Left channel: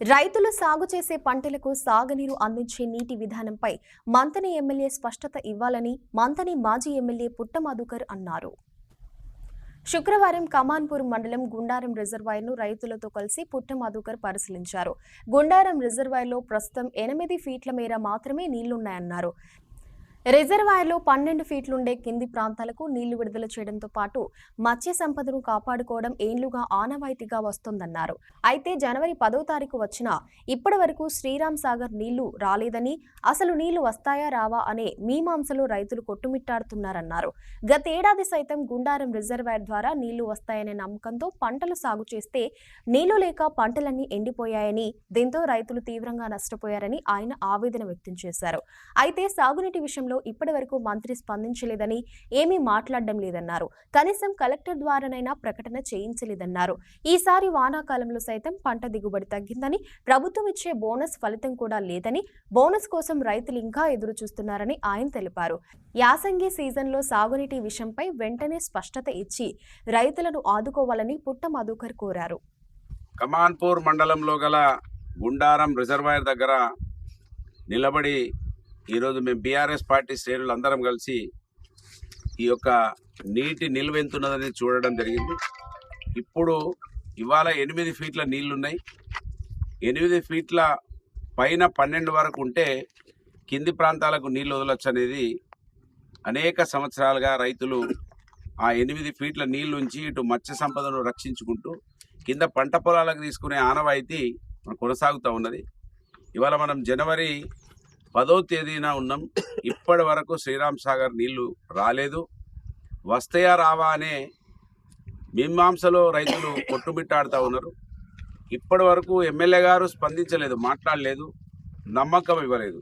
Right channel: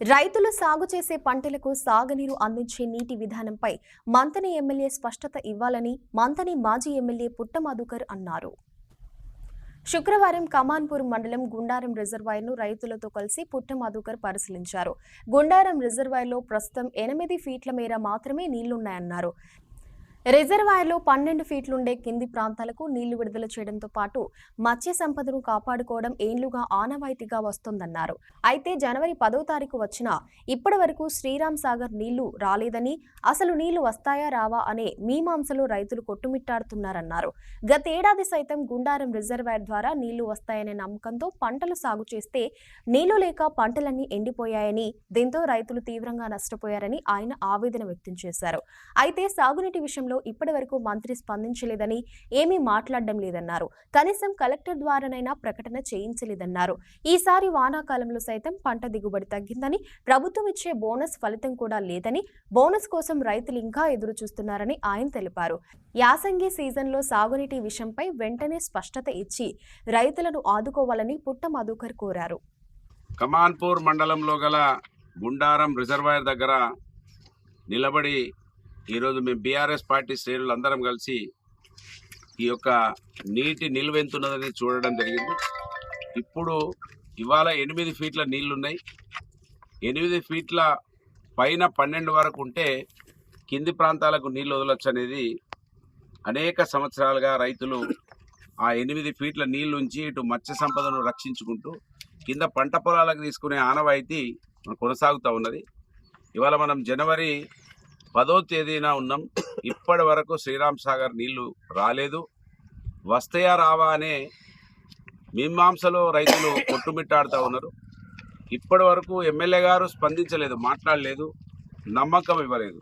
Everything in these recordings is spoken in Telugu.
రైతులు సాగు చేసే పంటలకు సాగునీరు అందించే నీటి విధానంపై మంథని ఎమ్మెల్యే స్పష్టత ఇవ్వాలని మంథని మాజీ ఎమ్మెల్యే పుట్ట మధుకర్ అన్నారు. శుక్రవారం కమాన్పూర్ మండలం గుండారం రిజర్వాయర్ను రైతులతో కలిసి పుట్ట మధుకర్ పరిశీలించారు. గుండారం రిజర్వాయర్లో ప్రస్తుతం 8 ఫీట్ల మేర మాత్రమే నీళ్లున్నాయన్నారు. రిజర్వాయర్లో 12 ఫీట్లుండే కింది ప్రాంతాలకు నీళ్లు విడుదల చేయడంతో పాటు మత్స్య సంపదను కాపాడుకోవడం ఏళ్లుగా ఆనవాయితీగా వస్తోందన్నారు. అయితే జనవరి 10వ తారీఖు వచ్చినా ఇప్పటి వరకు శ్రీరామ్ సాగర్ నీళ్లు రాలేదని, అసలు నీళ్లు వస్తాయా రావా అనే మీమాంసలో రైతులు కొట్టుమిట్టాడుతున్నారన్నారు. గతేడాది సైతం గుండారం రిజర్వాయర్ ద్వారా నీళ్లు వస్తాయనే నమ్మకంతో పంటలు సాగు చేస్తే నీళ్లు లేక పంటలన్నీ ఎండిపోయాయని, దీంతో రైతులు తీవ్రంగా నష్టపోయారని ఆయన ఆవేదన వ్యక్తం చేశారు. అయితే సాగునీటి విషయంలో ఇప్పటి వరకు మంత్రి స్పందించలేదని, ఏమీ మాట్లాడడం లేదన్నారు. కనీసం కలెక్టర్ ద్వారానైనా ప్రకటన చేయించలేదన్నారు. ఈసారి వానాకాలంలో సైతం పంట దిగుబడి తగ్గిందని, ప్రభుత్వం ఇచ్చే బోనస్ ఫలితం కూడా లేదని, బోనస్ కోసం రైతులు ఇంకా ఎదురు చూస్తున్నారని ఆయన తెలిపారు. యాసంగి సీజన్లో సాగునీటి విషయంపై వెంటనే స్పష్టత ఇచ్చి రైతులను ఆదుకోవాలని పుట్ట మధుకర్ కోరారు. కమాన్పూర్ మండలంలో గల గుండారం రిజర్వాయర్ దగ్గర నిలబడి ఈరోజు మేము బీఆర్ఎస్ పార్టీ శ్రేణులు అందరం కలిసి ఈ యొక్క నీటి నిల్వ ఎంతున్నదని చూడడం జరిగింది. ఇప్పుడు ఇవాళ 8 ఫీట్ల నీళ్లున్నాయి. 8 ఫీట్ల పైన 12 వరకు ఉంటే కింది ప్రాంతాలకు నీళ్లు వదలొచ్చు అనేది అనేక సంవత్సరాలుగా రైతులు ఆ 8 ఫీట్ల నీళ్ళు ఉంచి ఇటు మత్స్య సంపదను రక్షించుకుంటూ కింద పంట పొలాలకు తీసుకునే ఆనవాయితీ కొనసాగుతూ ఉన్నది. ఇవాళ మనం జనవరి 10వ తేదీన ఉన్నాం. ఇప్పటి వరకు శ్రీరామ్ సాగర్ నీళ్లు రాలేదు. వస్తాయా రావా అనే మీమాంసలో రైతులు కొట్టుమిట్టాడుతూ ఉన్నారు. ఇప్పటి వరకు ఎమ్మెల్యే గారు స్పందించలేదు, మాట్లాడలేదు, నమ్మకం ఇవ్వలేదు.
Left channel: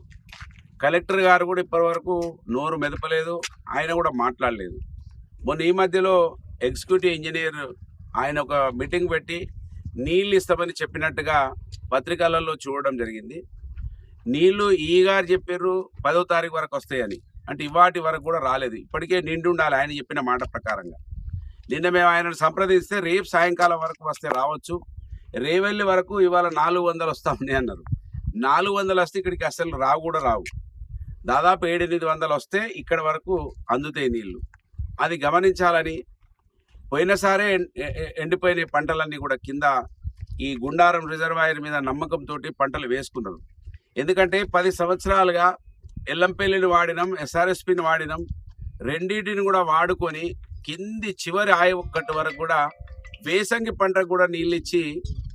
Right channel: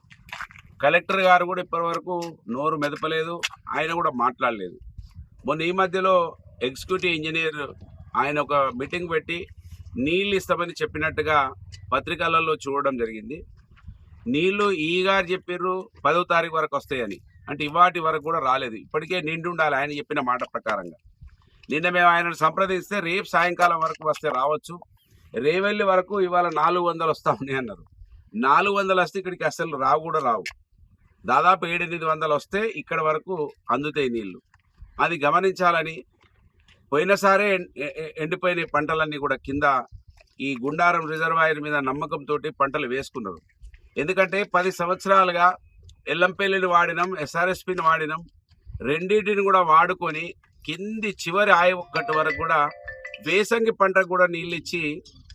కలెక్టర్ గారు కూడా ఇప్పటి వరకు నోరు మెదపలేదు, ఆయన కూడా మాట్లాడలేదు. మొన్న ఈ మధ్యలో ఎగ్జిక్యూటివ్ ఇంజనీర్ ఆయన ఒక మీటింగ్ పెట్టి నీళ్ళు ఇస్తామని చెప్పినట్టుగా పత్రికలలో చూడడం జరిగింది. నీళ్లు ఈ గారు చెప్పారు 10వ తారీఖు వరకు వస్తాయని, అంటే ఇవాటి వరకు కూడా రాలేదు. ఇప్పటికే నిండి ఉండాలి ఆయన చెప్పిన మాట ప్రకారంగా. నిన్న మేము ఆయనను సంప్రదిస్తే రేపు సాయంకాలం వరకు వస్తే రావచ్చు, రేవెల్లి వరకు ఇవాళ 400 వస్తామని అన్నారు. 400 వస్తే ఇక్కడికి అసలు రావు కూడా రావు. దాదాపు 700-800 వస్తే ఇక్కడ వరకు అందుతాయి నీళ్లు. అది గమనించాలని, పోయినసారే ఎండిపోయిన పంటలన్నీ కూడా కింద ఈ గుండారం రిజర్వాయర్ మీద నమ్మకంతో పంటలు వేసుకున్నారు. ఎందుకంటే 10 సంవత్సరాలుగా ఎల్లంపల్లిని వాడినాం, ఎస్ఆర్ఎస్పిని వాడినాం. రెండింటిని కూడా వాడుకొని కింది చివరి ఆయకట్టు వరకు కూడా వేసంగి పంటకు కూడా నీళ్ళు ఇచ్చి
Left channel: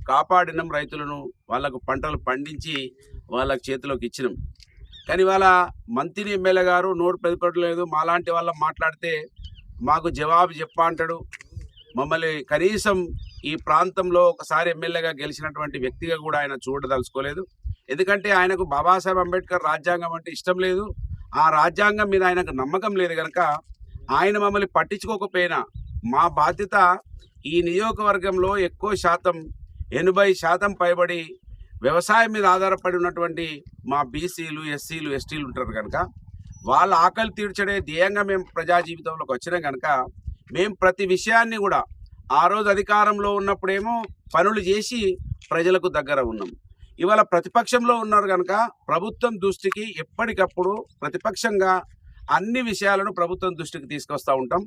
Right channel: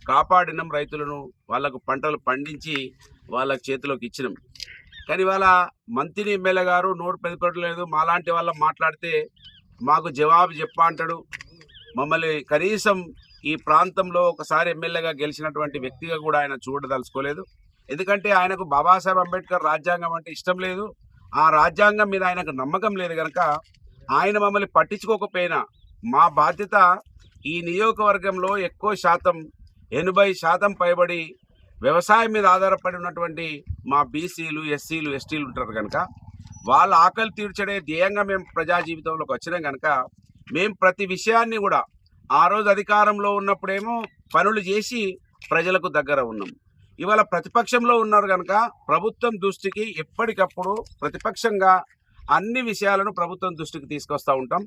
కాపాడినాం రైతులను. వాళ్ళకు పంటలు పండించి వాళ్ళకి చేతిలోకి ఇచ్చినాం. కానీ ఇవాళ మంత్రి ఎమ్మెల్యే గారు నోరు పెదపడలేదు. మాలాంటి వాళ్ళ మాట్లాడితే మాకు జవాబు చెప్పా అంటాడు. మమ్మల్ని కనీసం ఈ ప్రాంతంలో ఒకసారి ఎమ్మెల్యేగా గెలిచినటువంటి వ్యక్తిగా కూడా ఆయన చూడదలుచుకోలేదు. ఎందుకంటే ఆయనకు బాబాసాహెబ్ అంబేద్కర్ రాజ్యాంగం అంటే ఇష్టం లేదు. ఆ రాజ్యాంగం మీద ఆయనకు నమ్మకం లేదు కనుక ఆయన మమ్మల్ని పట్టించుకోకపోయినా, మా బాధ్యత ఈ నియోజకవర్గంలో ఎక్కువ శాతం 80% పైబడి వ్యవసాయం మీద ఆధారపడి ఉన్నటువంటి మా బీసీలు, ఎస్సీలు, ఎస్టీలు ఉంటారు కనుక వాళ్ళ ఆకలి తీర్చడే ధ్యేయంగా మేము ప్రజా జీవితంలోకి వచ్చినాం కనుక మేము ప్రతి విషయాన్ని కూడా ఆ రోజు అధికారంలో ఉన్నప్పుడేమో పనులు చేసి ప్రజలకు దగ్గర ఉన్నాం. ఇవాళ ప్రతిపక్షంలో ఉన్నారు కనుక ప్రభుత్వం దృష్టికి ఎప్పటికప్పుడు ప్రతిపక్షంగా అన్ని విషయాలను ప్రభుత్వం దృష్టికి తీసుకొస్తూ ఉంటాం.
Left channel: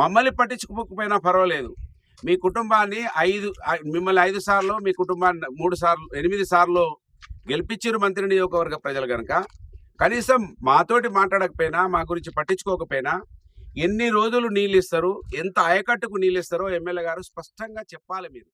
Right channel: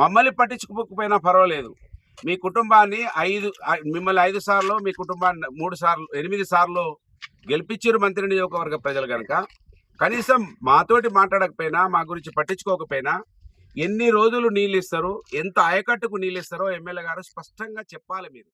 మమ్మల్ని పట్టించుకోకపోయినా పర్వాలేదు. మీ కుటుంబాన్ని మిమ్మల్ని 5 సార్లు, మీ కుటుంబాన్ని 3 సార్లు, 8 సార్లు గెలిపించారు మంత్రి నియోజకవర్గ ప్రజలు కనుక కనీసం మాతోటి మాట్లాడకపోయినా, మా గురించి పట్టించుకోకపోయినా ఎన్ని రోజులు నీళ్ళు ఇస్తారు, ఎంత ఆయకట్టుకు నీళ్ళు ఇస్తారో ఎమ్మెల్యే గారు స్పష్టంగా చెప్పాలి మీరు.